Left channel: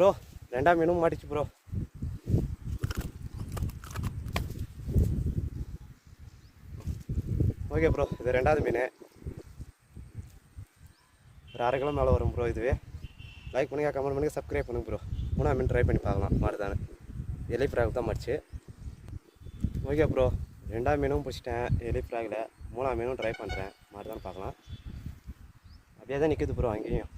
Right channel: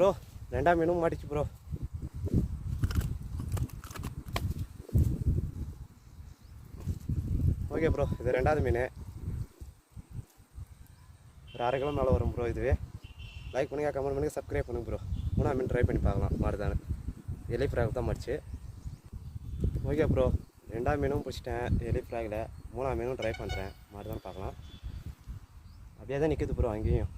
Bro ரெண்டாம் மீனும் மாட்டிச்சு bro. Okay bro, இது ரெண்டாவது மீன். ஒரு 1/2 கிலோ மேலே வரும் ப்ரோ. இதுவே லைக் பண்ணுங்கள், கமெண்ட் பண்ணுங்கள், சப்ஸ்கிரைப் பண்ணுங்க ப்ரோ. 3ஆம் மீன் ட்ரை பண்ணி பார்க்கலாம் மாறுதானு. எலி ஃப்ராக் தான் மடிச்சு. ஓகே ப்ரோ, 2ஆம் மீனும் பிடிச்சிட்டேன் எலி ஃப்ராகில். 3ஆம் மீனும் ட்ரை பண்ணுறேன் மாறுதான்னு பார்க்கலாம். அப்படியே தான் நிற்குது ப்ரோ அங்கேயும்.